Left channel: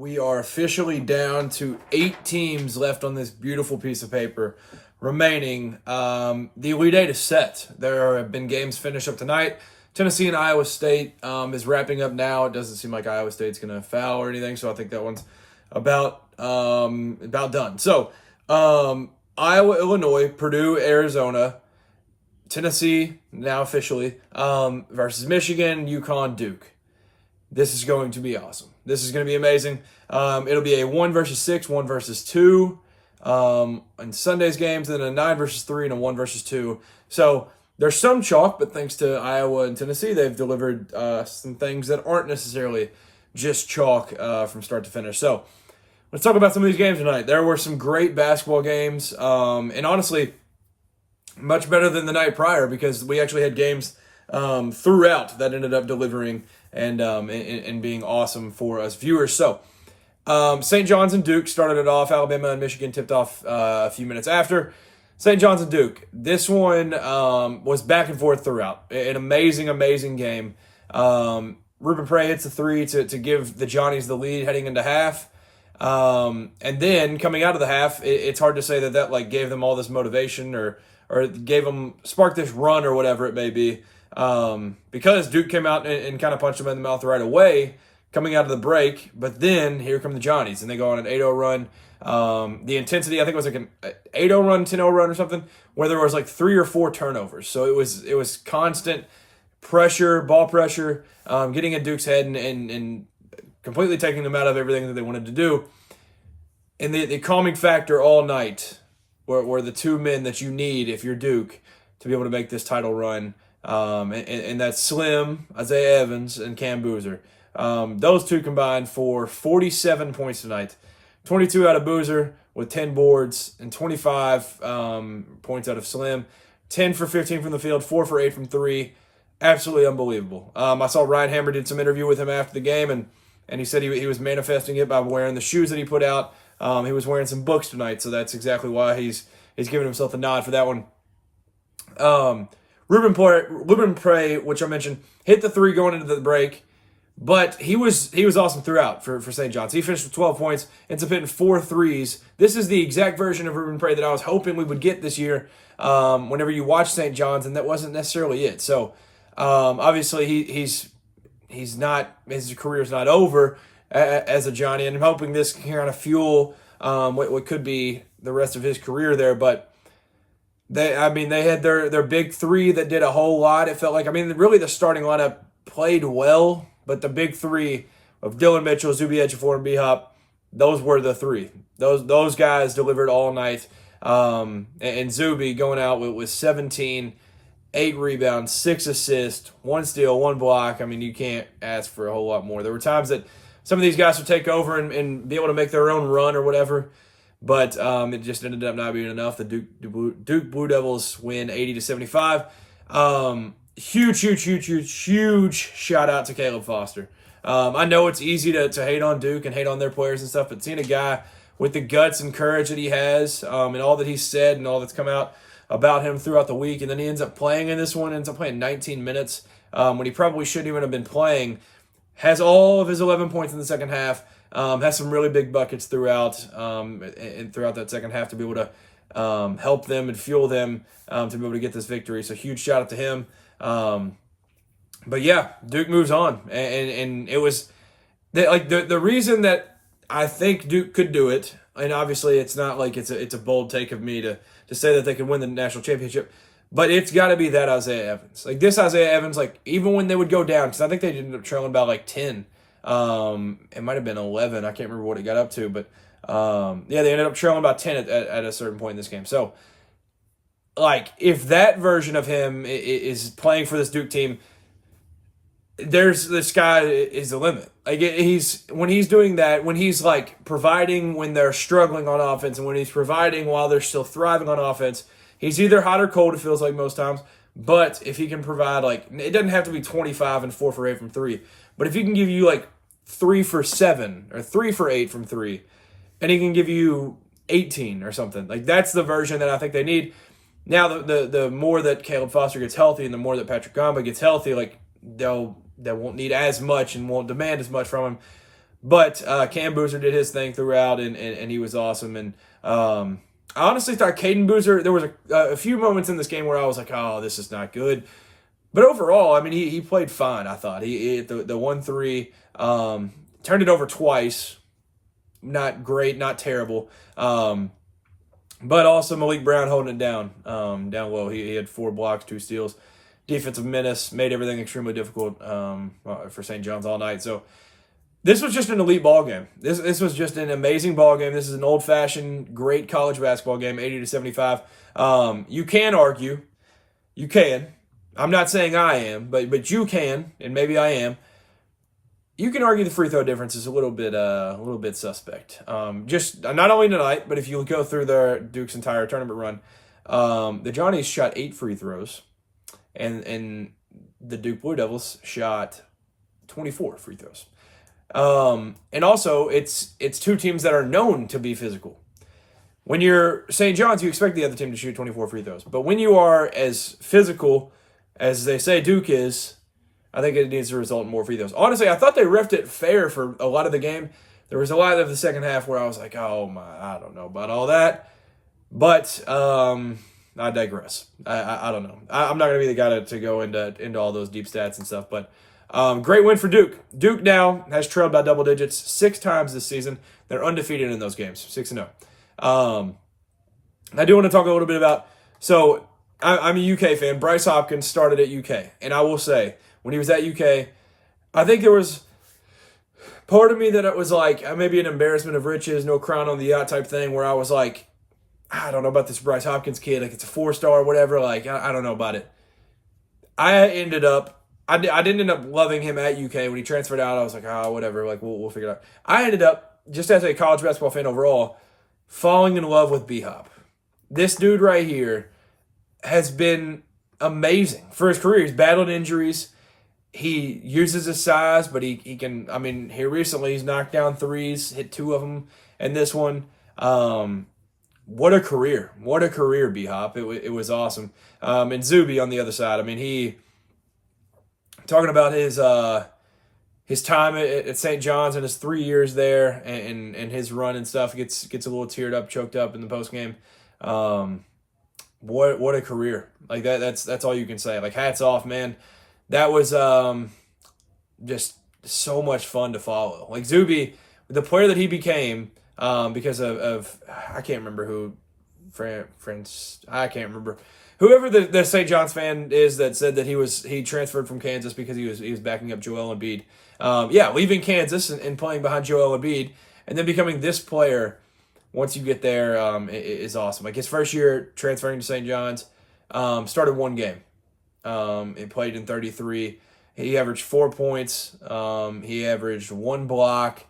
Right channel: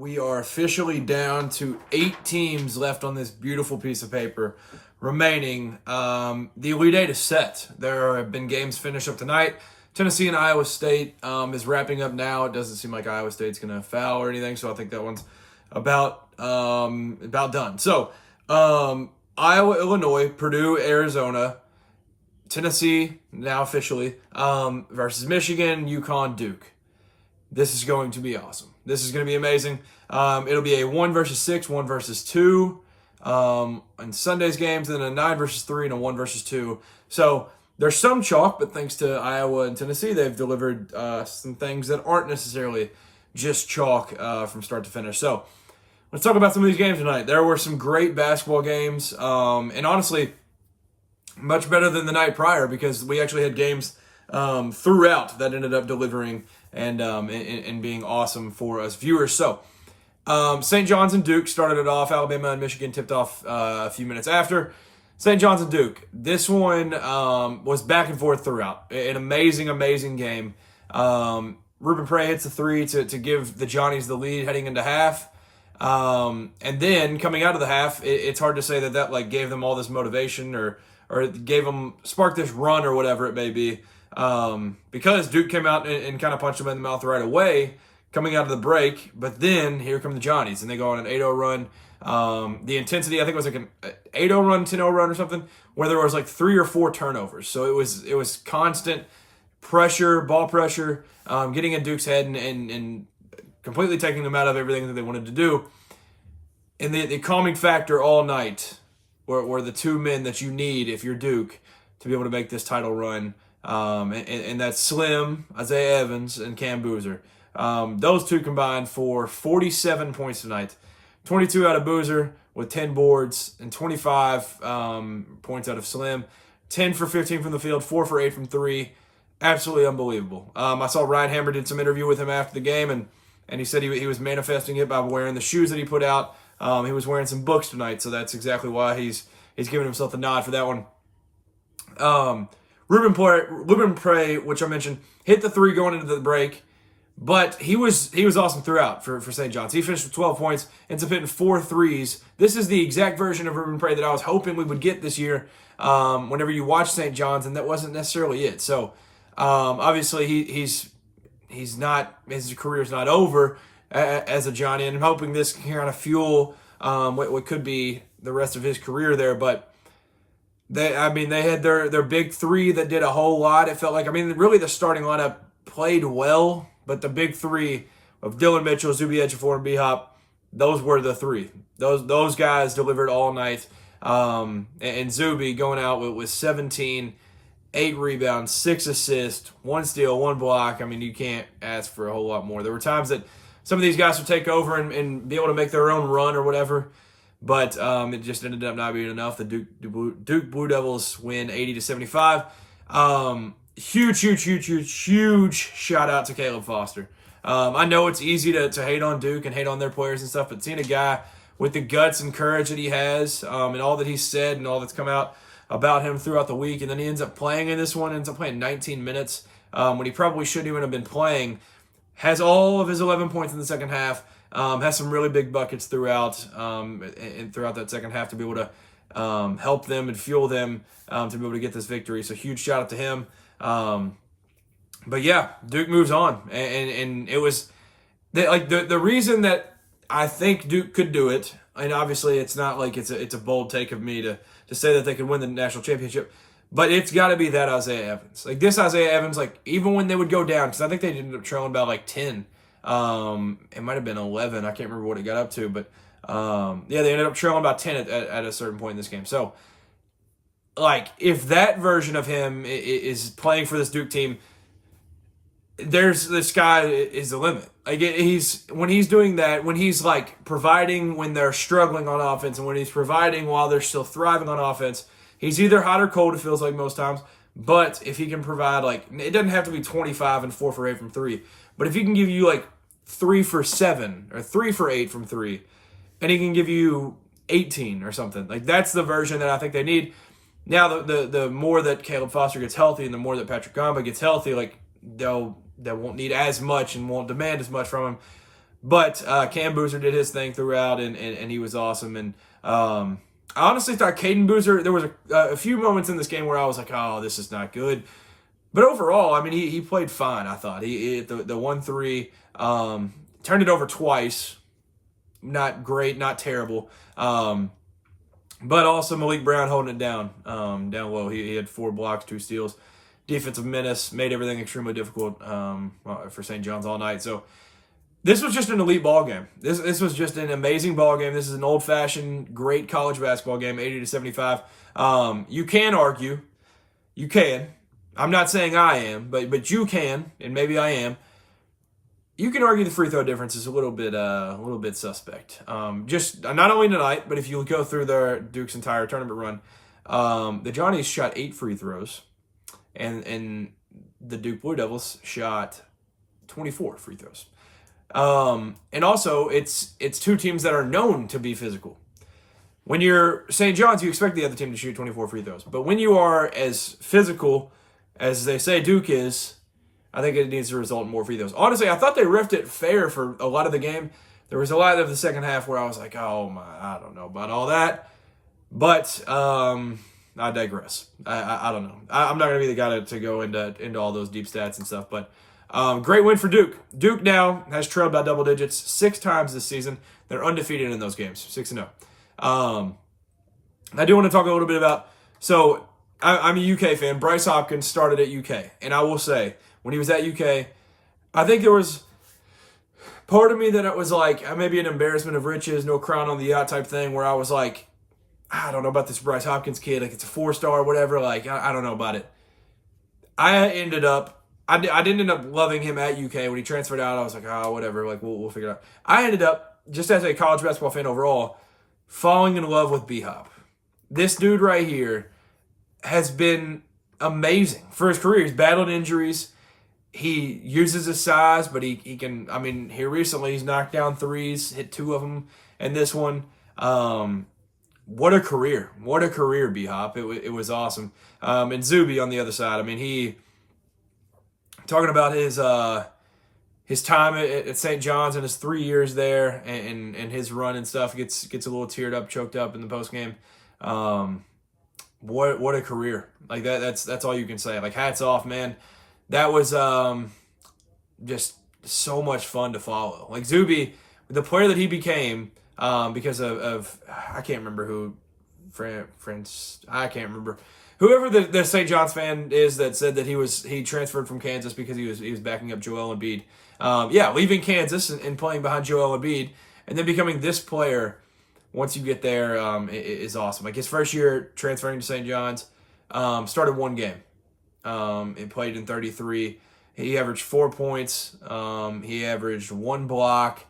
We are officially down to 8 teams left on this beautiful piece of paper remaining. The Elite Eight is set. There have been games finished up tonight. Tennessee and Iowa State is wrapping up now. It doesn't seem like Iowa State's going to foul or anything, so I think that one's about done. So, Iowa, Illinois, Purdue, Arizona, Tennessee, now officially, versus Michigan, UConn, Duke. This is going to be awesome. This is going to be amazing. It'll be a 1 versus 6, 1 versus 2 in Sunday's games, and then a 9 versus 3 and a 1 versus 2. So there's some chalk, but thanks to Iowa and Tennessee, they've delivered some things that aren't necessarily just chalk from start to finish. So let's talk about some of these games tonight. There were some great basketball games, and honestly, much better than the night prior because we actually had games throughout that ended up delivering and being awesome for us viewers. So, St. John's and Duke started it off. Alabama and Michigan tipped off a few minutes after. St. John's and Duke. This one was back and forth throughout. An amazing, amazing game. Ruben Prey hits a 3 to give the Johnnies the lead heading into half. And then coming out of the half, it's hard to say that like gave them all this motivation or sparked this run or whatever it may be. Because Duke came out and kind of punched them in the mouth right away coming out of the break, but then here come the Johnnies, and they go on an 8-0 run. The intensity, I think it was like an 8-0 run, 10-0 run or something, where there was like 3 or 4 turnovers. So it was constant pressure, ball pressure, getting in Duke's head and completely taking them out of everything that they wanted to do. And the calming factor all night were the 2 men that you need if you're Duke to be able to make this title run. And that's Slim, Isaiah Evans, and Cam Boozer. Those 2 combined for 47 points tonight. 22 out of Boozer with 10 boards and 25 points out of Slim. 10 for 15 from the field, 4 for 8 from 3. Absolutely unbelievable. I saw Ryan Hammer did some interview with him after the game, and he said he was manifesting it by wearing the shoes that he put out. He was wearing some books tonight, so that's exactly why he's giving himself a nod for that one. Ruben Prey, which I mentioned, hit the 3 going into the break, but he was awesome throughout for St. John's. He finished with 12 points, ends up hitting 4 threes. This is the exact version of Ruben Prey that I was hoping we would get this year whenever you watch St. John's, and that wasn't necessarily it. So obviously his career's not over as a Johnny, and I'm hoping this can kind of fuel what could be the rest of his career there, but they had their big 3 that did a whole lot. It felt like, really the starting lineup played well, but the big 3 of Dylan Mitchell, Zuby Ejiofor, and B-Hop, those were the 3. Those guys delivered all night. And Zuby going out with 17, 8 rebounds, 6 assists, 1 steal, 1 block. You can't ask for a whole lot more. There were times that some of these guys would take over and be able to make their own run or whatever, but it just ended up not being enough. The Duke Blue Devils win 80-75. Huge shout out to Caleb Foster. I know it's easy to hate on Duke and hate on their players and stuff, but seeing a guy with the guts and courage that he has, and all that he's said and all that's come out about him throughout the week, and then he ends up playing in this one, ends up playing 19 minutes when he probably shouldn't even have been playing, has all of his 11 points in the second half, has some really big buckets throughout and throughout that second half to be able to help them and fuel them to be able to get this victory. So huge shout out to him. But yeah, Duke moves on, and it was the reason that I think Duke could do it. And obviously, it's not like it's a bold take of me to say that they could win the national championship, but it's got to be that Isaiah Evans. Like this Isaiah Evans, like even when they would go down, because I think they ended up trailing by like 10. It might have been 11. I can't remember what it got up to, but yeah, they ended up trailing by 10 at a certain point in this game. So, like, if that version of him is playing for this Duke team, the sky is the limit. Like when he's doing that, when he's like providing when they're struggling on offense, and when he's providing while they're still thriving on offense, he's either hot or cold. It feels like most times. But if he can provide, like, it doesn't have to be 25 and 4 for 8 from 3, but if he can give you like 3 for 7 or 3 for 8 from 3, and he can give you 18 or something, like that's the version that I think they need. Now the more that Caleb Foster gets healthy and the more that Patrick Gamba gets healthy, like they won't need as much and won't demand as much from him. But Cam Boozer did his thing throughout, and he was awesome. And I honestly thought Caden Boozer, there was a few moments in this game where I was like, oh, this is not good. But overall, I mean, he played fine, I thought. He hit the 1-3, turned it over twice. Not great, not terrible. But also Malik Brown holding it down low. He had 4 blocks, 2 steals. Defensive menace, made everything extremely difficult for St. John's all night. So this was just an elite ball game. This was just an amazing ball game. This is an old-fashioned, great college basketball game, 80-75. You can argue. You can. I'm not saying I am, but you can, and maybe I am. You can argue the free throw difference is a little bit suspect. Just not only tonight, but if you go through Duke's entire tournament run, the Johnnies shot 8 free throws, and the Duke Blue Devils shot 24 free throws. And also, it's 2 teams that are known to be physical. When you're St. John's, you expect the other team to shoot 24 free throws. But when you are as physical as they say Duke is, I think it needs to result in more free throws. Honestly, I thought they riffed it fair for a lot of the game. There was a lot of the second half where I was like, oh my, I don't know about all that. But I digress. I don't know. I'm not going to be the guy to go into all those deep stats and stuff. But great win for Duke. Duke now has trailed by double digits 6 times this season. They're undefeated in those games, 6-0. I do want to talk a little bit about, so I'm a UK fan. Bryce Hopkins started at UK. And I will say, when he was at UK, I think there was part of me that it was like maybe an embarrassment of riches, no crown on the yacht type thing, where I was like, I don't know about this Bryce Hopkins kid. Like, it's a 4-star or whatever. Like, I don't know about it. I didn't end up loving him at UK. When he transferred out, I was like, oh, whatever. Like, we'll figure it out. I ended up, just as a college basketball fan overall, falling in love with B-Hop. This dude right here has been amazing for his career. He's battled injuries. He uses his size, but he can, I mean, here recently he's knocked down 3s, hit 2 of them, and this one. What a career. What a career, B-Hop. It was awesome. And Zuby on the other side. I mean, talking about his time at St. John's and his 3 years there and his run and stuff gets a little teared up, choked up in the postgame. What a career. Like that's all you can say. Like, hats off, man. That was just so much fun to follow. Like, Zuby, the player that he became, because of I can't remember who, I can't remember. Whoever the St. John's fan is that said that he transferred from Kansas because he was backing up Joel Embiid. Leaving Kansas and playing behind Joel Embiid and then becoming this player once you get there is awesome. Like, his first year transferring to St. John's, started 1 game. He played in 33. He averaged 4 points. He averaged 1 block.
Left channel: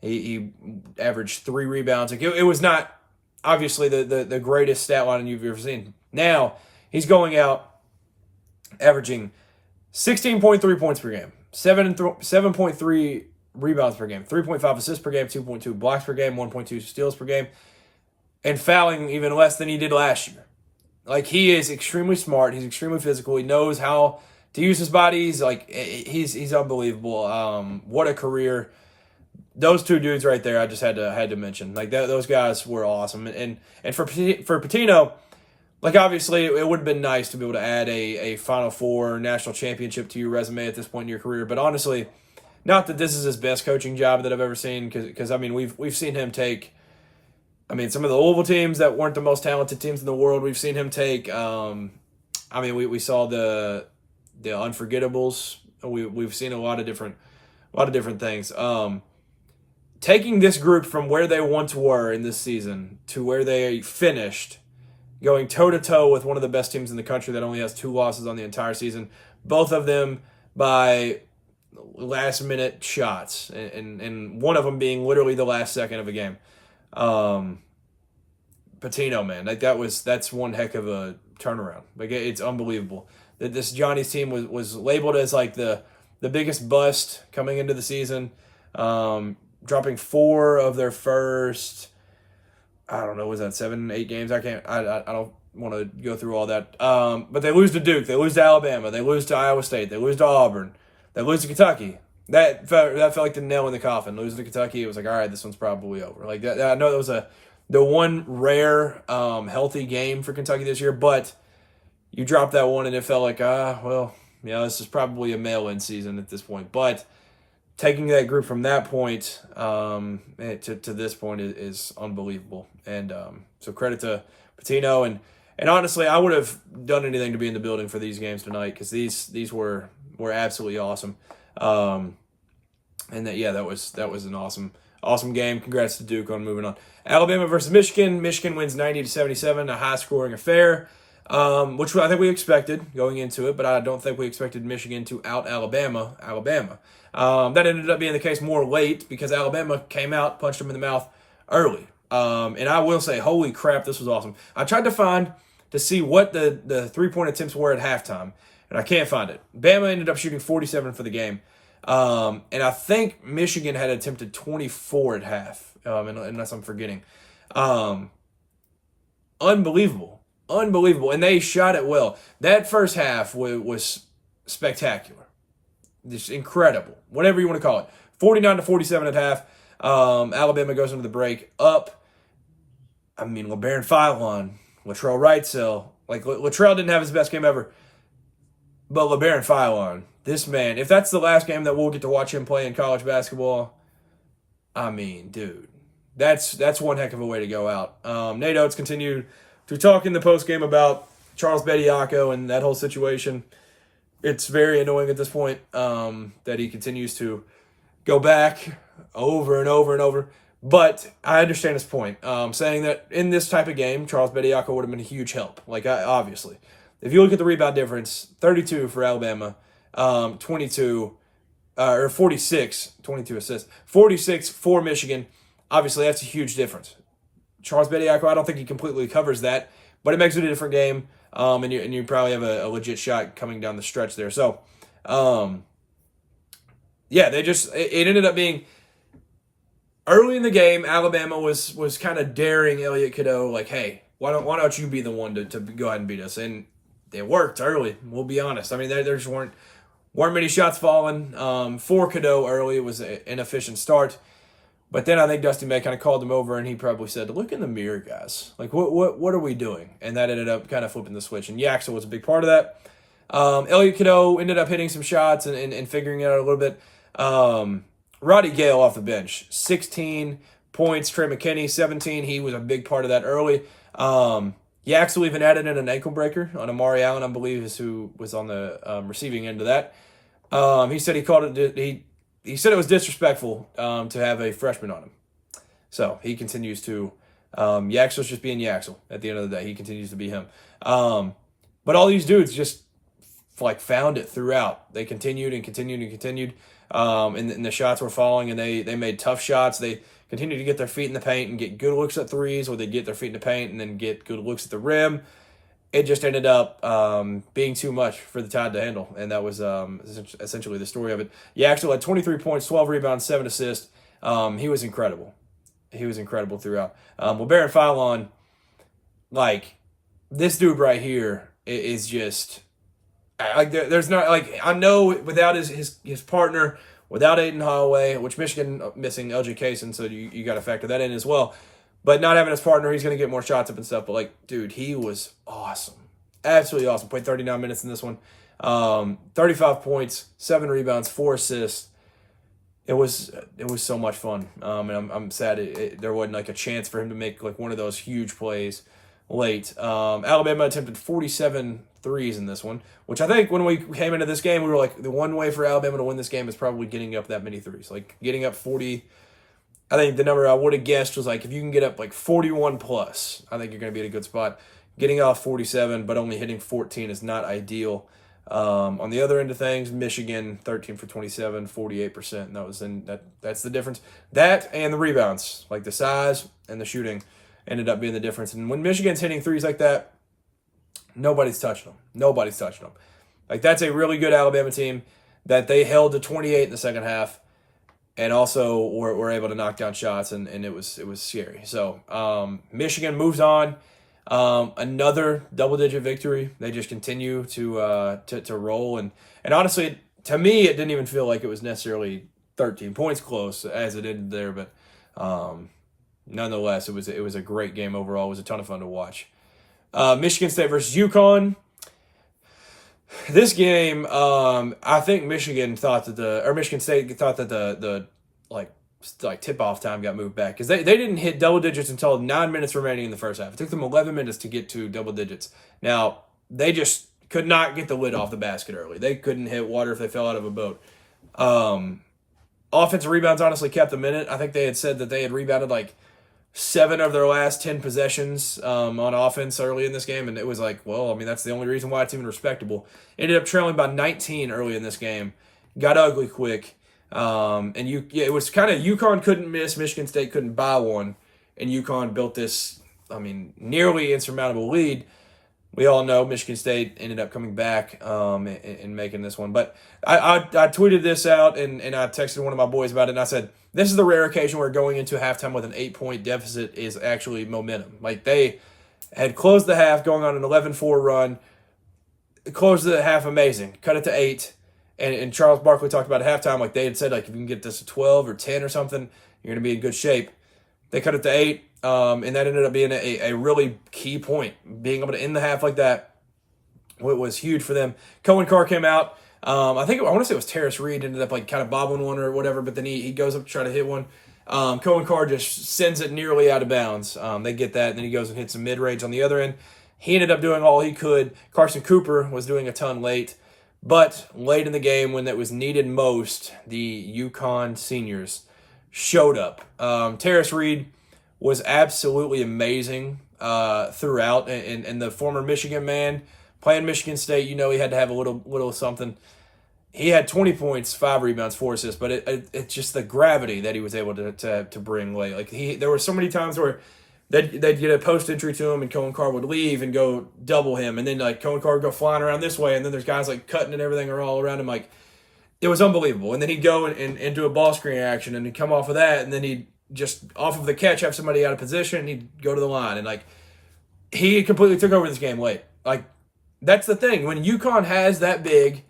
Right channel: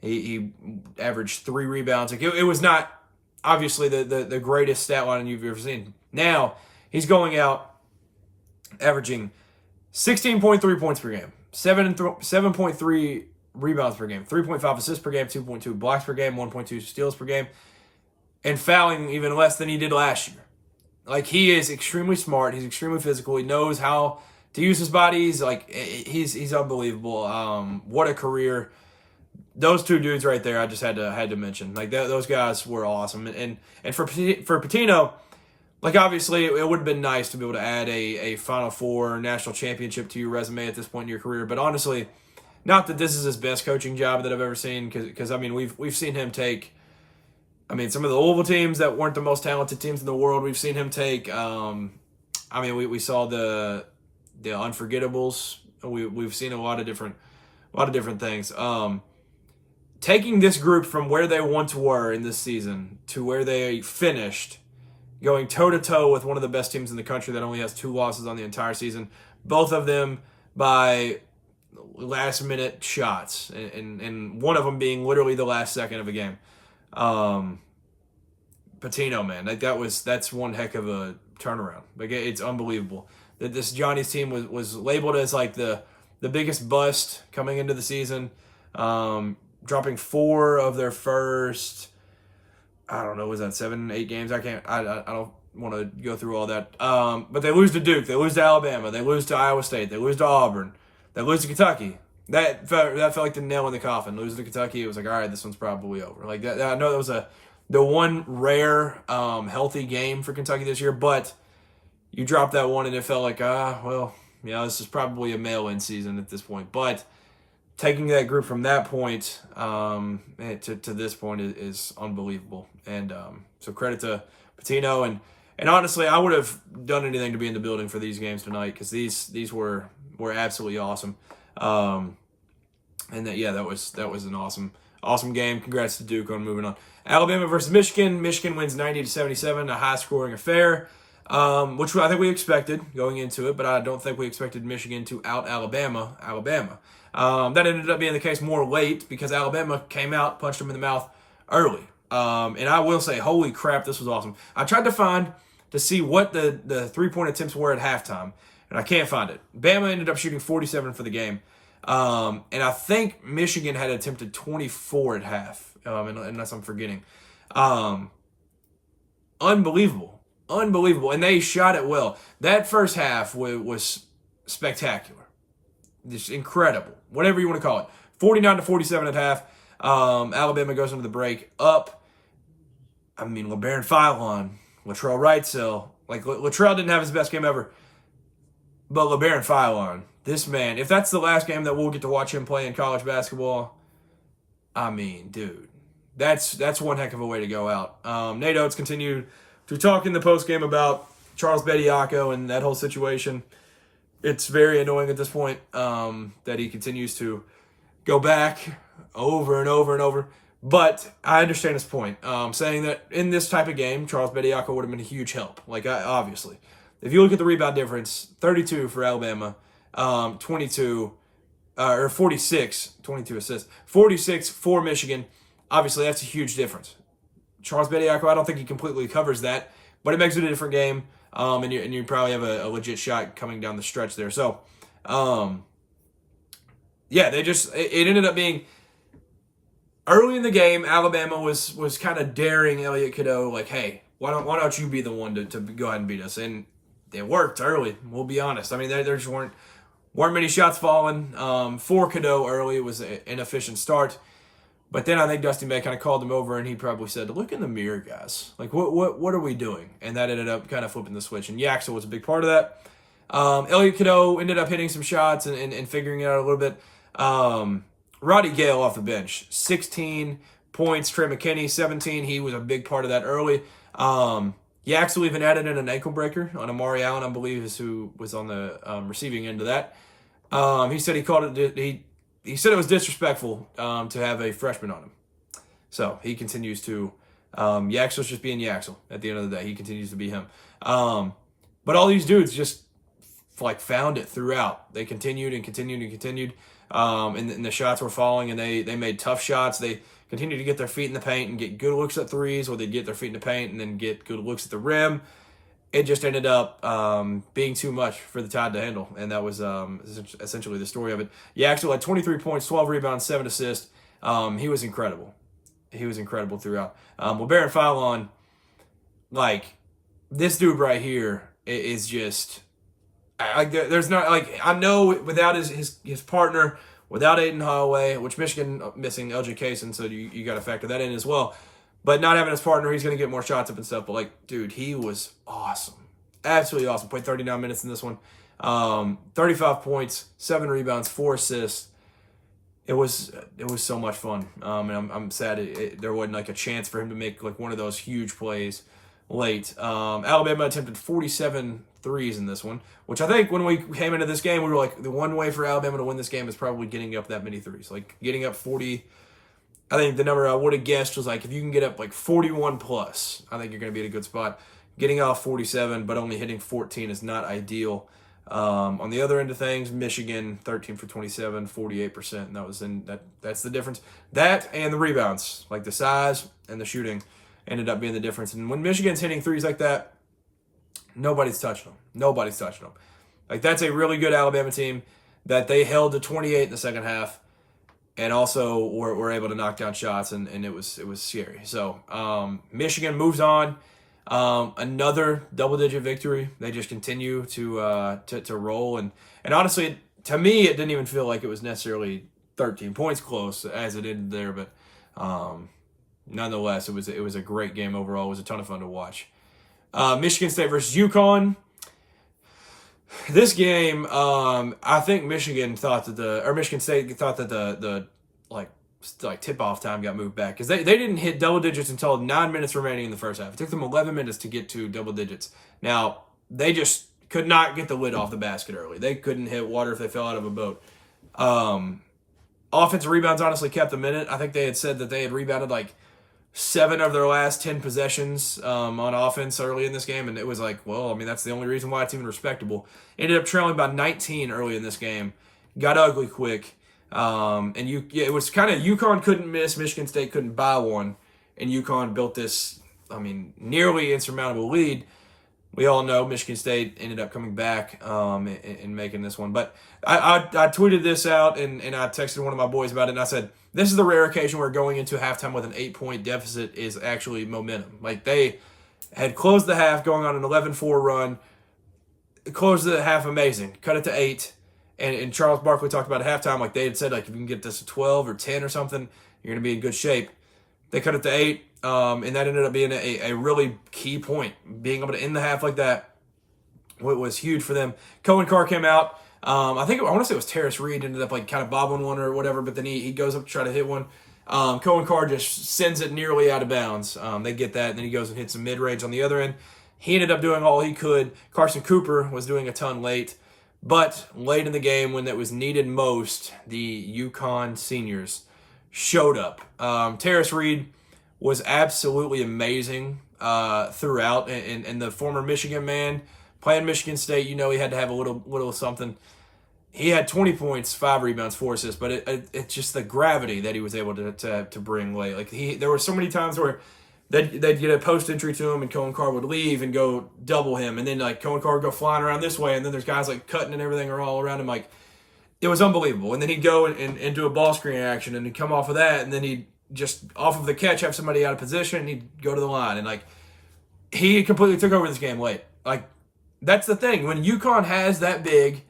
He averaged 3 rebounds. Like, it was not obviously the greatest stat line you've ever seen. Now he's going out averaging 16.3 points per game, 7.3 rebounds per game, 3.5 assists per game, 2.2 blocks per game, 1.2 steals per game, and fouling even less than he did last year. Like, he is extremely smart. He's extremely physical. He knows how to use his body. He's unbelievable. What a career. Those 2 dudes right there, I just had to mention. Like, those guys were awesome. And for Pitino, like, obviously it would have been nice to be able to add a Final Four national championship to your resume at this point in your career. But honestly, not that this is his best coaching job that I've ever seen, because I mean, we've seen him take, I mean, some of the Louisville teams that weren't the most talented teams in the world. We've seen him take, we saw the Unforgettables. We've seen a lot of different things. Taking this group from where they once were in this season to where they finished, going toe-to-toe with one of the best teams in the country that only has 2 losses on the entire season, both of them by last-minute shots, and one of them being literally the last second of a game. Pitino, man, that's one heck of a turnaround. Like, it's unbelievable that this Johnny's team was labeled as like the biggest bust coming into the season, dropping 4 of their first, I don't know, was that 7, 8 games? I don't want to go through all that. But they lose to Duke, they lose to Alabama, they lose to Iowa State, they lose to Auburn, they lose to Kentucky, that felt like the nail in the coffin. Losing to Kentucky, it was like, all right, this one's probably over. Like that I know that was the one rare healthy game for Kentucky this year, but you dropped that one and it felt like, well, this is probably a mail-in season at this point. But taking that group from that point to this point is unbelievable. And so credit to Patino. And honestly, I would have done anything to be in the building for these games tonight because these were absolutely awesome. And that was an awesome game. Congrats to Duke on moving on. Alabama versus Michigan. Michigan wins 90-77, a high-scoring affair. Which I think we expected going into it, but I don't think we expected Michigan to out-Alabama. That ended up being the case more late because Alabama came out, punched them in the mouth early. And I will say, holy crap, this was awesome. I tried to see what the three-point attempts were at halftime, and I can't find it. Bama ended up shooting 47 for the game. And I think Michigan had attempted 24 at half, unless I'm forgetting. Unbelievable. And they shot it well. That first half was spectacular. Just incredible. Whatever you want to call it. 49-47 at half. Alabama goes into the break up. LeBaron Philon, Latrell Wrightsell. Like, Latrell didn't have his best game ever. But LeBaron Philon, this man, if that's the last game that we'll get to watch him play in college basketball, dude, that's one heck of a way to go out. Nate Oates continued to talk in the postgame about Charles Bediako and that whole situation. It's very annoying at this point that he continues to go back over and over and over. But I understand his point, saying that in this type of game, Charles Bediako would have been a huge help. Obviously. If you look at the rebound difference, 32 for Alabama, 22 assists, 46 for Michigan. Obviously, that's a huge difference. Charles Bediako, I don't think he completely covers that, but it makes it a different game, and you probably have a legit shot coming down the stretch there. So, it ended up being early in the game. Alabama was kind of daring Elliot Cadeau, like, hey, why don't you be the one to go ahead and beat us? And it worked early. We'll be honest. There just weren't many shots falling for Cadeau early. It was an inefficient start. But then I think Dusty May kind of called him over, and he probably said, look in the mirror, guys. Like, what are we doing? And that ended up kind of flipping the switch. And Yaxel was a big part of that. Elliot Cadeau ended up hitting some shots and figuring it out a little bit. Roddy Gale off the bench, 16 points. Trey McKinney, 17. He was a big part of that early. Yaxel even added in an ankle breaker on Amari Allen, I believe, is who was on the receiving end of that. He said he called it. He said it was disrespectful to have a freshman on him. So he continues to Yaxel's just being Yaxel at the end of the day. He continues to be him. But all these dudes just found it throughout. They continued and continued and continued. And the shots were falling, and they made tough shots. They continued to get their feet in the paint and get good looks at threes, or they get their feet in the paint and then get good looks at the rim. It just ended up being too much for the Tide to handle, and that was essentially the story of it. Yaxel had 23 points, 12 rebounds, 7 assists. He was incredible. He was incredible throughout. LeBaron Philon, this dude right here is just there's not I know without his partner, without Aiden Holloway, which Michigan missing LJ Kaysen, so you got to factor that in as well. But not having his partner, he's going to get more shots up and stuff. But, dude, he was awesome. Absolutely awesome. Played 39 minutes in this one. 35 points, 7 rebounds, 4 assists. It was so much fun. And I'm sad there wasn't, a chance for him to make, one of those huge plays late. Alabama attempted 47 threes in this one, which I think when we came into this game, we were like, the one way for Alabama to win this game is probably getting up that many threes. Getting up 40. I think the number I would have guessed was if you can get up 41 plus, I think you're going to be at a good spot. Getting off 47, but only hitting 14 is not ideal. On the other end of things, Michigan 13 for 27, 48%. And that's the difference. That and the rebounds, the size and the shooting, ended up being the difference. And when Michigan's hitting threes like that, nobody's touching them. That's a really good Alabama team that they held to 28 in the second half. And also were able to knock down shots, and it was scary. So Michigan moves on. Another double-digit victory. They just continue to roll. And honestly, to me, it didn't even feel like it was necessarily 13 points close as it ended there, but nonetheless, it was a great game overall. It was a ton of fun to watch. Michigan State versus UConn. This game, I think Michigan State thought that the tip-off time got moved back because they didn't hit double digits until 9 minutes remaining in the first half. It took them 11 minutes to get to double digits. Now, they just could not get the lid off the basket early. They couldn't hit water if they fell out of a boat. Offensive rebounds honestly kept them in it. I think they had said that they had rebounded like 7 of their last 10 possessions on offense early in this game, and it was like, well, I mean, that's the only reason why it's even respectable. Ended up trailing by 19 early in this game. Got ugly quick. It was kind of UConn couldn't miss, Michigan State couldn't buy one, and UConn built this, nearly insurmountable lead. We all know Michigan State ended up coming back and making this one. But I tweeted this out, and I texted one of my boys about it, and I said, this is the rare occasion where going into halftime with an 8-point deficit is actually momentum. Like, they had closed the half, going on an 11-4 run, closed the half amazing, cut it to 8, and Charles Barkley talked about at halftime, like they had said, like, if you can get this to 12 or 10 or something, you're going to be in good shape. They cut it to 8, and that ended up being a really key point. Being able to end the half like that was huge for them. Cohen Carr came out. I want to say it was Terrace Reed ended up like kind of bobbling one or whatever, but then he goes up to try to hit one. Cohen Carr just sends it nearly out of bounds. They get that, and then he goes and hits some mid-range on the other end. He ended up doing all he could. Carson Cooper was doing a ton late, but late in the game when it was needed most, the UConn seniors showed up. Terrace Reed was absolutely amazing throughout, and the former Michigan man playing Michigan State, he had to have a little something. He had 20 points, 5 rebounds, 4 assists, but it's just the gravity that he was able to bring late. Like there were so many times where they'd get a post entry to him, and Cohen Carr would leave and go double him, and then like Cohen Carr would go flying around this way, and then there's guys like cutting and everything are all around him. Like, it was unbelievable. And then he'd go and do a ball screen action, and he'd come off of that, and then he'd just off of the catch have somebody out of position, and he'd go to the line, and like he completely took over this game late. Like, that's the thing. When UConn has that big,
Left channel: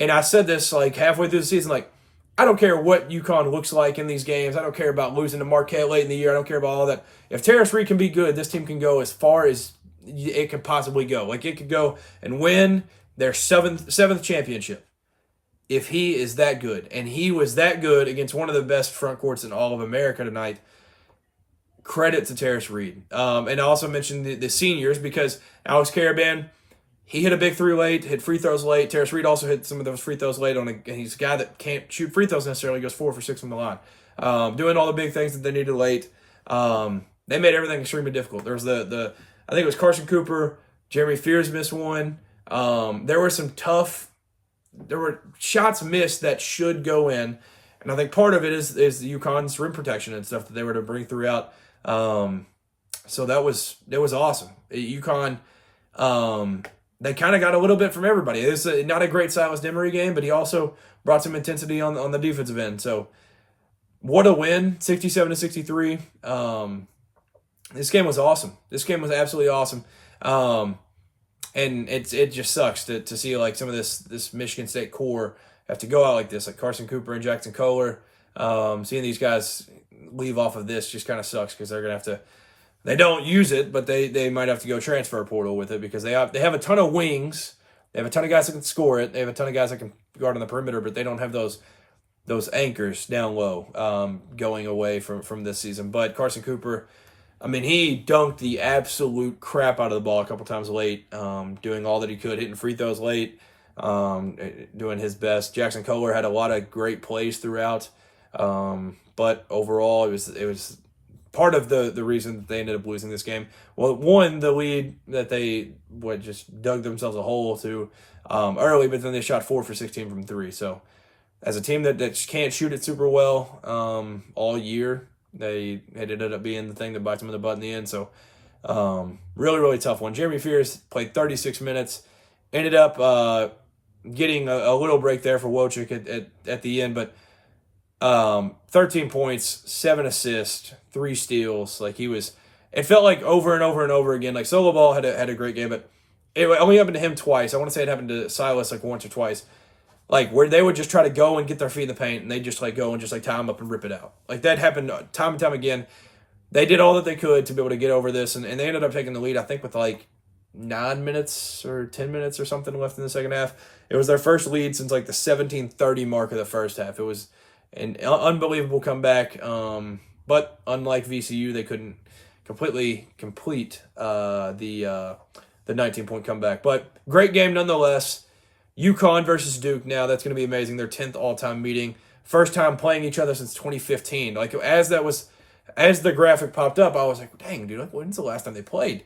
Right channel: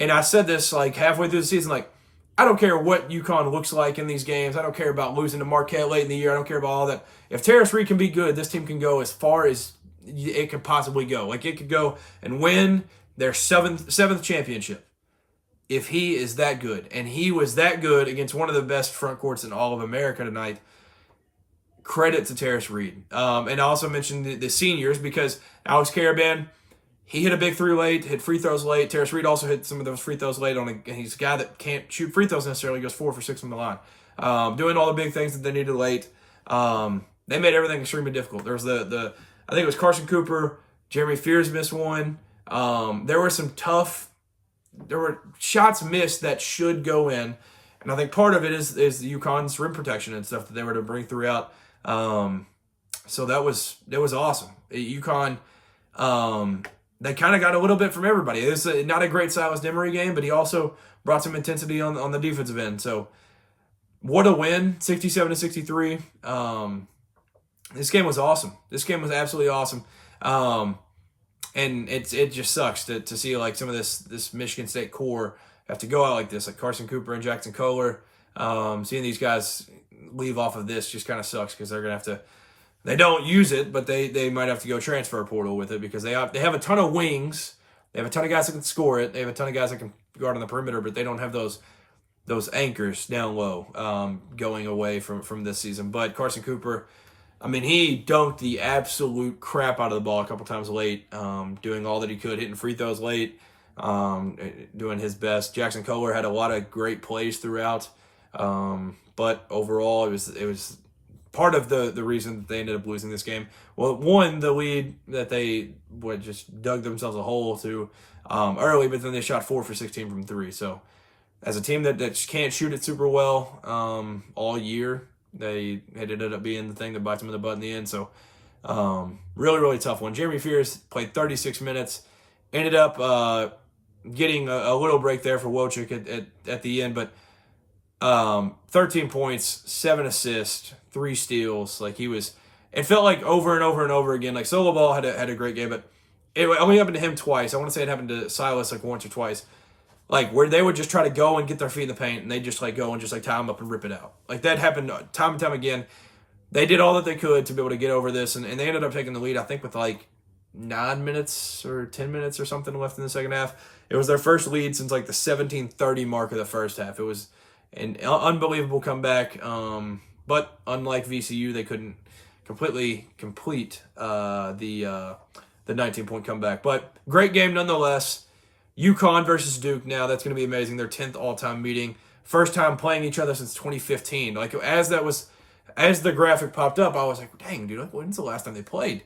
and I said this like halfway through the season, like, I don't care what UConn looks like in these games. I don't care about losing to Marquette late in the year. I don't care about all that. If Terrace Reed can be good, this team can go as far as it could possibly go. Like, it could go and win their seventh championship if he is that good. And he was that good against one of the best front courts in all of America tonight. Credit to Terrace Reed. And I also mentioned the seniors because Alex Caravan, he hit a big 3 late, hit free throws late. Terrace Reed also hit some of those free throws late. He's a guy that can't shoot free throws necessarily. He goes 4 for 6 from the line. Doing all the big things that they needed late. They made everything extremely difficult. There was I think it was Carson Cooper, Jeremy Fears missed one. There were shots missed that should go in. And I think part of it is the UConn's rim protection and stuff that they were to bring throughout. So that was awesome. UConn, they kind of got a little bit from everybody. It was not a great Silas Demery game, but he also brought some intensity on the defensive end. So what a win, 67-63. This game was awesome. This game was absolutely awesome. And it just sucks to see like some of this Michigan State core have to go out like this, like Carson Cooper and Jackson Kohler. Seeing these guys leave off of this just kind of sucks because they're going to have to. They don't use it, but they might have to go transfer portal with it because they have a ton of wings. They have a ton of guys that can score it. They have a ton of guys that can guard on the perimeter, but they don't have those anchors down low going away from this season. But Carson Cooper, he dunked the absolute crap out of the ball a couple times late, doing all that he could, hitting free throws late, doing his best. Jackson Kohler had a lot of great plays throughout, but overall it was part of the reason that they ended up losing this game. Well, one, the lead that they just dug themselves a hole to early, but then they shot 4 for 16 from 3. So as a team that just can't shoot it super well all year, it ended up being the thing that bites them in the butt in the end. So really, really tough one. Jeremy Fears played 36 minutes, ended up getting a little break there for Wojcik at the end, but 13 points, 7 assists, 3 steals. Like it felt like over and over and over again. Like Solo Ball had a great game, but it only happened to him twice. I want to say it happened to Silas like once or twice. like where they would just try to go and get their feet in the paint, and they just like go and just like tie them up and rip it out. Like that happened time and time again. They did all that they could to be able to get over this, and they ended up taking the lead, I think, with like 9 minutes or 10 minutes or something left in the second half. It was their first lead since like the 17:30 mark of the first half. It was an unbelievable comeback, but unlike VCU, they couldn't completely complete the 19-point comeback. But great game nonetheless. UConn versus Duke now. That's going to be amazing. Their 10th all-time meeting. First time playing each other since 2015. Like, as the graphic popped up, I was like, dang, dude, like, when's the last time they played?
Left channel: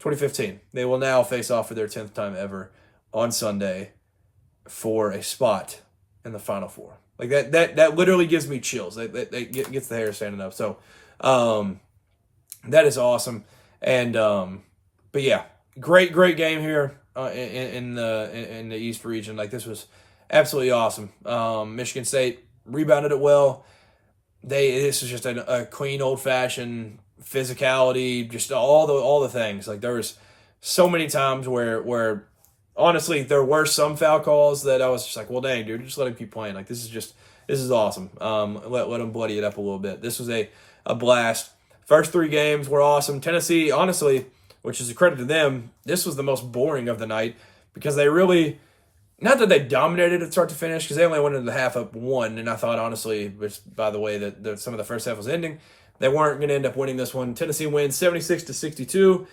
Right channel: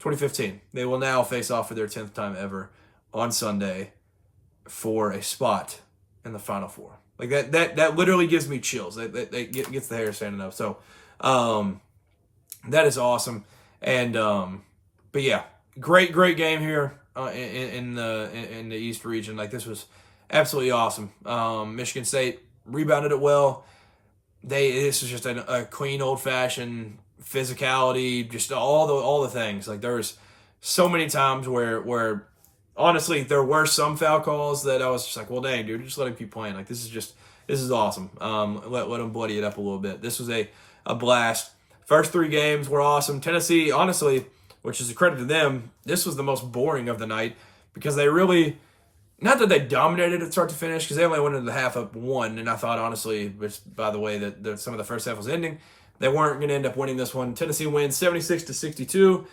2015. They will now face off for their 10th time ever on Sunday for a spot in the Final Four. Like, that literally gives me chills. That gets the hair standing up. So, that is awesome. And, but yeah, great game here. In the East region. Like, this was absolutely awesome. Michigan State rebounded it well. This was just a clean, old-fashioned physicality, just all the things. Like, there was so many times where honestly there were some foul calls that I was just like, well, dang, dude, just let him keep playing. Like, this is awesome. Let him bloody it up a little bit. This was a blast. First 3 games were awesome. Tennessee, honestly, which is a credit to them, this was the most boring of the night because they really, not that they dominated it start to finish, because they only went into the half up 1, and I thought, honestly, which by the way that some of the first half was ending, they weren't going to end up winning this one. Tennessee wins 76-62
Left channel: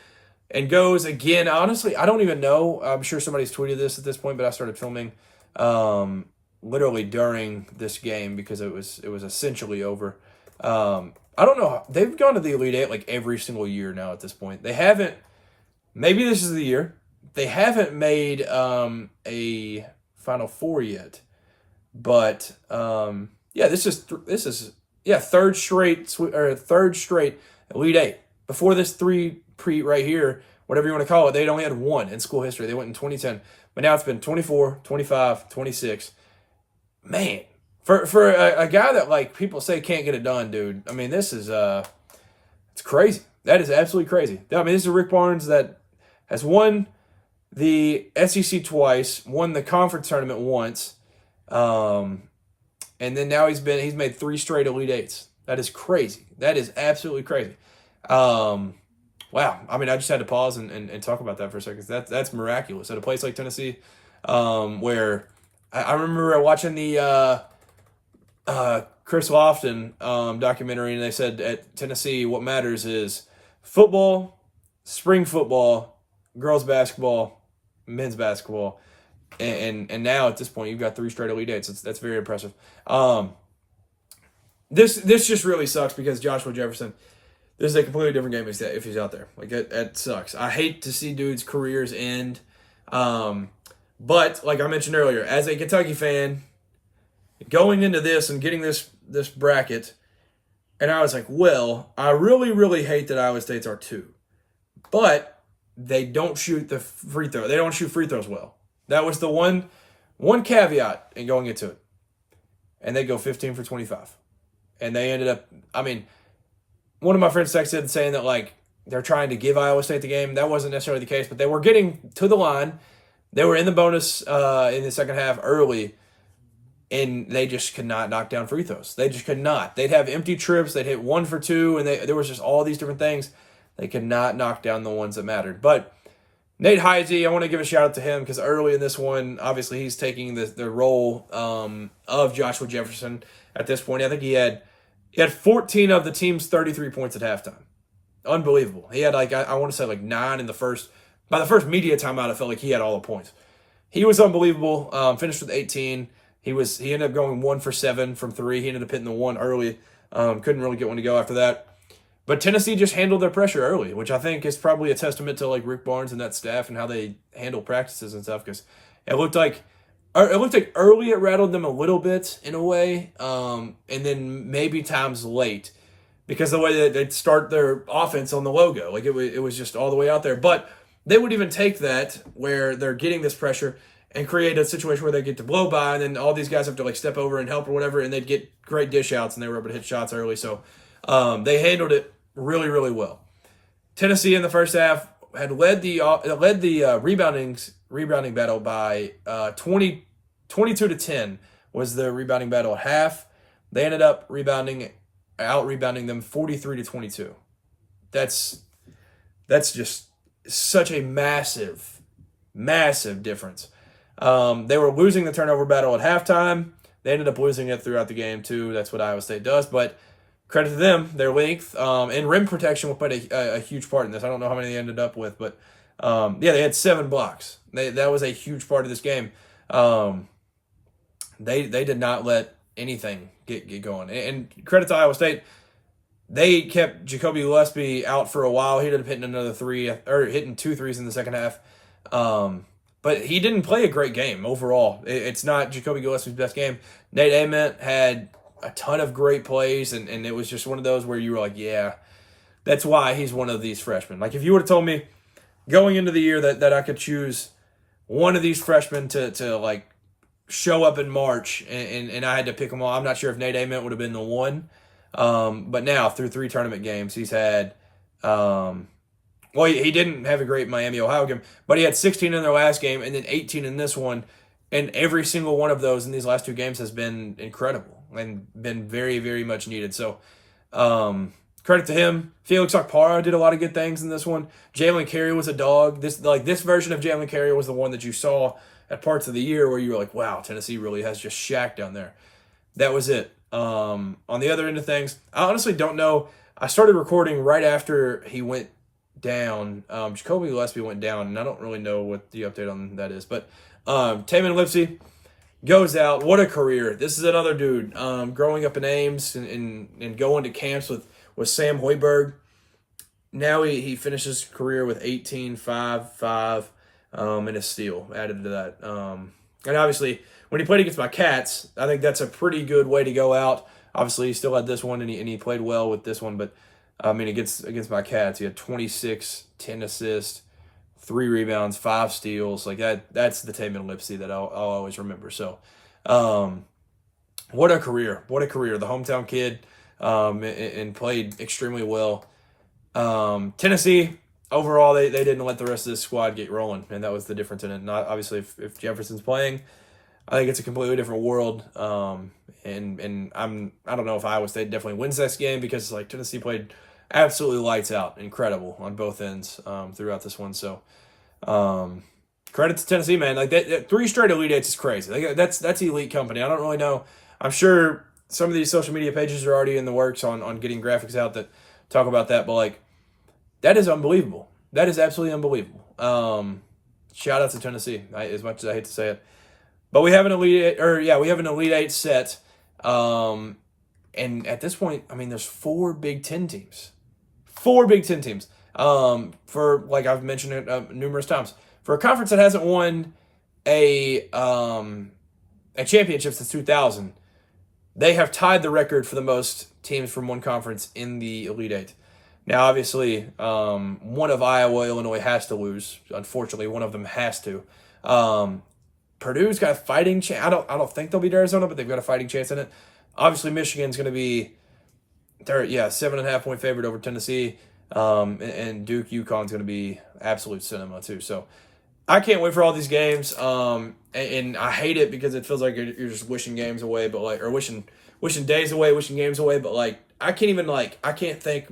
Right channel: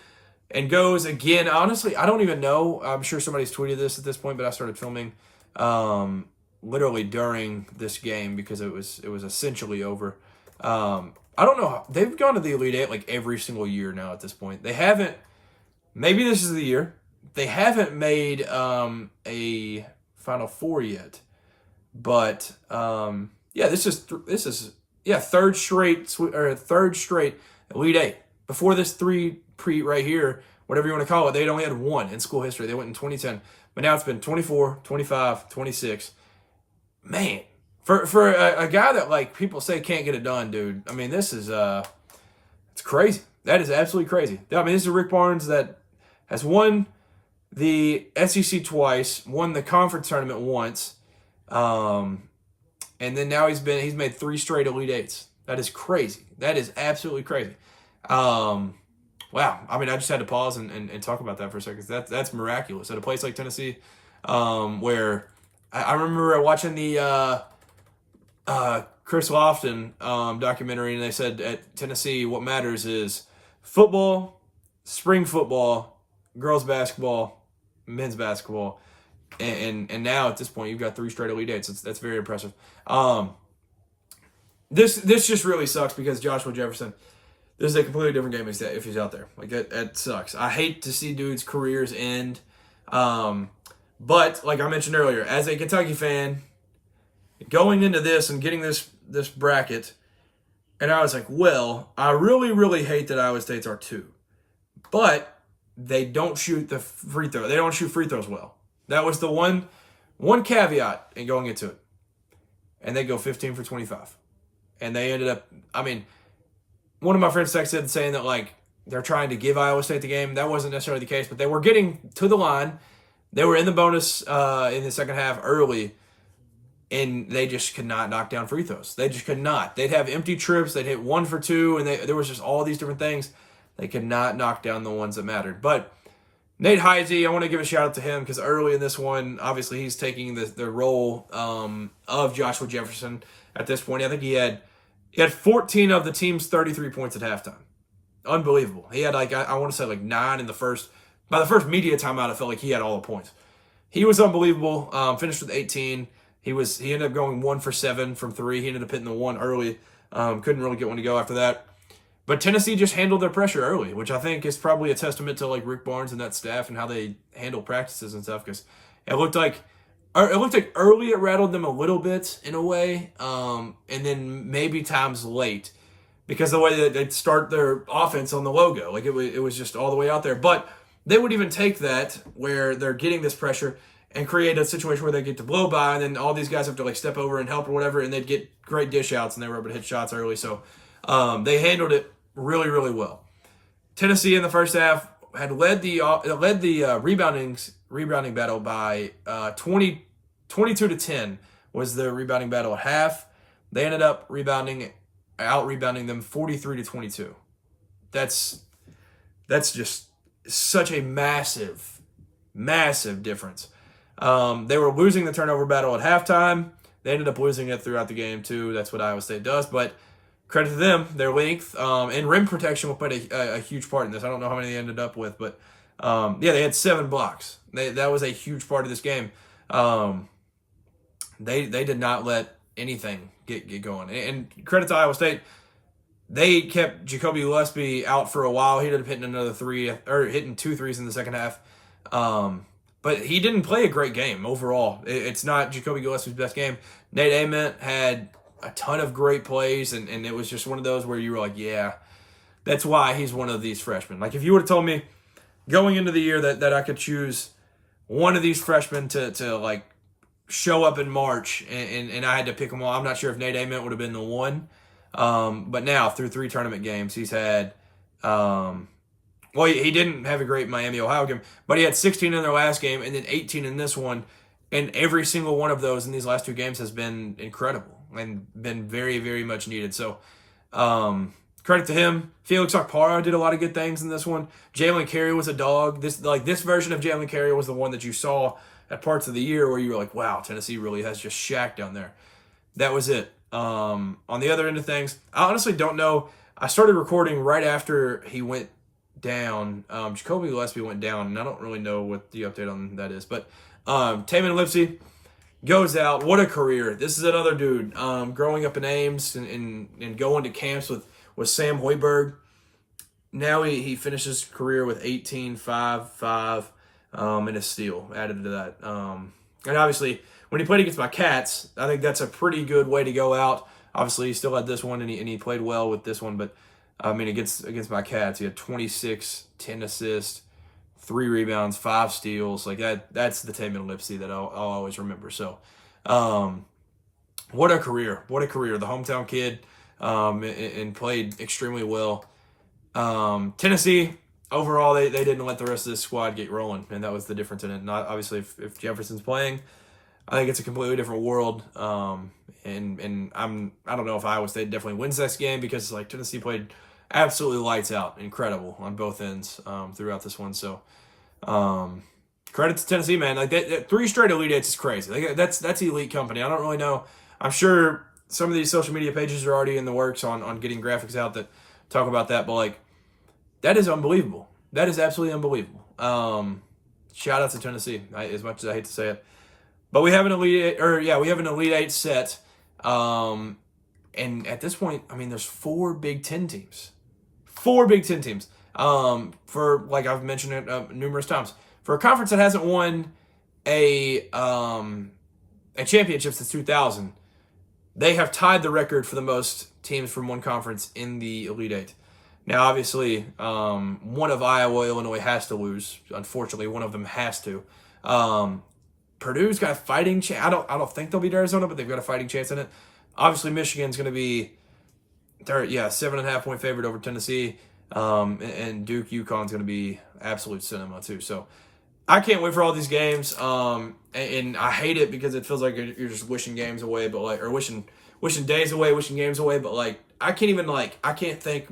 and goes again. Honestly, I don't even know. I'm sure somebody's tweeted this at this point, but I started filming literally during this game because it was essentially over. I don't know. They've gone to the Elite Eight like every single year now at this point. They haven't. Maybe this is the year. They haven't made a Final Four yet. But yeah, this is third straight Elite Eight. Before this 3 right here, whatever you want to call it, they'd only had 1 in school history. They went in 2010, but now it's been 24, 25, 26. Man. For a guy that, like, people say can't get it done, dude, I mean, this is, it's crazy. That is absolutely crazy. I mean, this is Rick Barnes that has won the SEC twice, won the conference tournament once, and then now he's made 3 straight Elite Eights. That is crazy. That is absolutely crazy. Wow. I mean, I just had to pause and talk about that for a second. That's miraculous. At a place like Tennessee, where I remember watching the Chris Lofton documentary, and they said at Tennessee what matters is football, spring football, girls basketball, men's basketball, and now at this point you've got 3 straight Elite Eights. That's very impressive. This just really sucks because Joshua Jefferson, this is a completely different game if he's out there. Like, that sucks. I hate to see dudes' careers end, but like I mentioned earlier, as a Kentucky fan, going into this and getting this bracket, and I was like, well, I really, really hate that Iowa State's are 2. But they don't shoot the free throw. They don't shoot free throws well. That was the one caveat in going into it. And they go 15 for 25. And they ended up, I mean, one of my friends texted saying that, like, they're trying to give Iowa State the game. That wasn't necessarily the case, but they were getting to the line. They were in the bonus in the second half early, and they just could not knock down free throws. They just could not. They'd have empty trips. They'd hit 1 for 2, and there was just all these different things. They could not knock down the ones that mattered. But Nate Heise, I want to give a shout out to him because early in this one, obviously he's taking the role of Joshua Jefferson at this point. I think he had 14 of the team's 33 points at halftime. Unbelievable. He had, like, I want to say, like, 9 in the first. By the first media timeout, I felt like he had all the points. He was unbelievable. Finished with 18. He ended up going 1 for 7 from 3. He ended up hitting the 1 early. Couldn't really get one to go after that. But Tennessee just handled their pressure early, which I think is probably a testament to, like, Rick Barnes and that staff and how they handle practices and stuff. Because it looked like early it rattled them a little bit in a way, and then maybe times late because the way that they'd start their offense on the logo, like it was just all the way out there. But they would even take that where they're getting this pressure and create a situation where they get to blow by, and then all these guys have to, like, step over and help or whatever, and they'd get great dish outs, and they were able to hit shots early. So they handled it really, really well. Tennessee in the first half had led the rebounding battle by 20 22-10 was the rebounding battle at half. They ended up out-rebounding them 43-22. That's just such a massive, massive difference. They were losing the turnover battle at halftime. They ended up losing it throughout the game, too. That's what Iowa State does. But credit to them, their length. And rim protection will play a huge part in this. I don't know how many they ended up with. But, they had 7 blocks. That was a huge part of this game. They did not let anything get going. And credit to Iowa State. They kept Jacoby Gillespie out for a while. He ended up hitting another 3, or hitting 2 threes in the second half. But he didn't play a great game overall. It's not Jacoby Gillespie's best game. Nate Ament had a ton of great plays, and it was just one of those where you were like, yeah, that's why he's one of these freshmen. Like, if you would have told me going into the year that I could choose one of these freshmen to like, show up in March, and I had to pick them all, I'm not sure if Nate Ament would have been the one. But now, through 3 tournament games, he's had, he didn't have a great Miami-Ohio game, but he had 16 in their last game and then 18 in this one, and every single one of those in these last 2 games has been incredible and been very, very much needed. So, credit to him. Felix Okpara did a lot of good things in this one. Jalen Carey was a dog. This version of Jalen Carey was the one that you saw at parts of the year where you were like, wow, Tennessee really has just Shaq down there. That was it. On the other end of things, I honestly don't know. I started recording right after he went down. Jacoby Gillespie went down, and I don't really know what the update on that is. But Tamin Lipsey goes out. What a career. This is another dude growing up in Ames and going to camps with Sam Hoiberg. Now he finishes his career with 18, 5, 5, and a steal added to that. And obviously, when he played against my Cats, I think that's a pretty good way to go out. Obviously, he still had this one, and he played well with this one. But, I mean, against my Cats, he had 26, 10 assists, 3 rebounds, 5 steals. Like, that's the Tamin Lipsey that I'll always remember. So, what a career. What a career. The hometown kid, and played extremely well. Tennessee, overall, they didn't let the rest of this squad get rolling, and that was the difference in it. Not obviously, if Jefferson's playing, I think it's a completely different world. And I don't know if Iowa State definitely wins this game because like Tennessee played absolutely lights out, incredible on both ends throughout this one. So credit to Tennessee, man. Like that 3 straight Elite Eights is crazy. Like, that's elite company. I don't really know. I'm sure some of these social media pages are already in the works on getting graphics out that talk about that, but like that is unbelievable. That is absolutely unbelievable. Shout out to Tennessee, as much as I hate to say it. But we have an Elite Eight set. And at this point, I mean, there's 4 Big Ten teams. 4 Big Ten teams. For, like I've mentioned it numerous times. For a conference that hasn't won a championship since 2000, they have tied the record for the most teams from one conference in the Elite Eight. Now, obviously, one of Iowa, Illinois has to lose. Unfortunately, one of them has to. Purdue's got a fighting chance. I don't think they'll beat Arizona, but they've got a fighting chance in it. Obviously, Michigan's going to be, 7.5 point favorite over Tennessee. And Duke, UConn's going to be absolute cinema too. So I can't wait for all these games. And I hate it because it feels like you're just wishing games away, but like, or wishing days away, wishing games away. But like, I can't think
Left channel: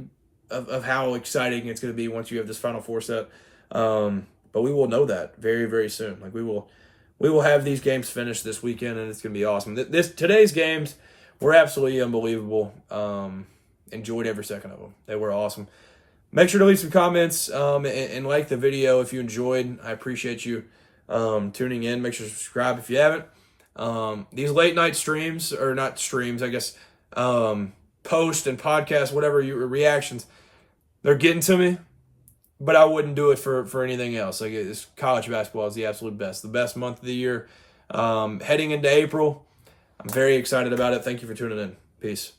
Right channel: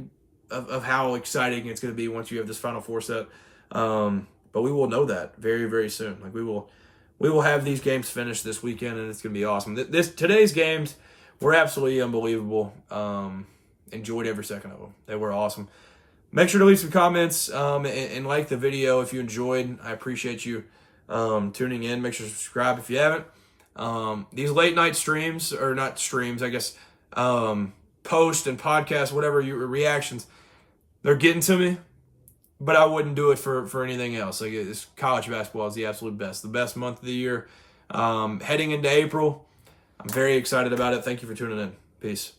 of how exciting it's going to be once you have this Final Four set. But we will know that very, very soon. Like we will have these games finished this weekend, and it's going to be awesome. Today's games were absolutely unbelievable. Enjoyed every second of them. They were awesome. Make sure to leave some comments and like the video if you enjoyed. I appreciate you tuning in. Make sure to subscribe if you haven't. These late night streams, or not streams, I guess, post and podcast, whatever your reactions, they're getting to me. But I wouldn't do it for anything else. Like, college basketball is the absolute best. The best month of the year. Heading into April, I'm very excited about it. Thank you for tuning in. Peace.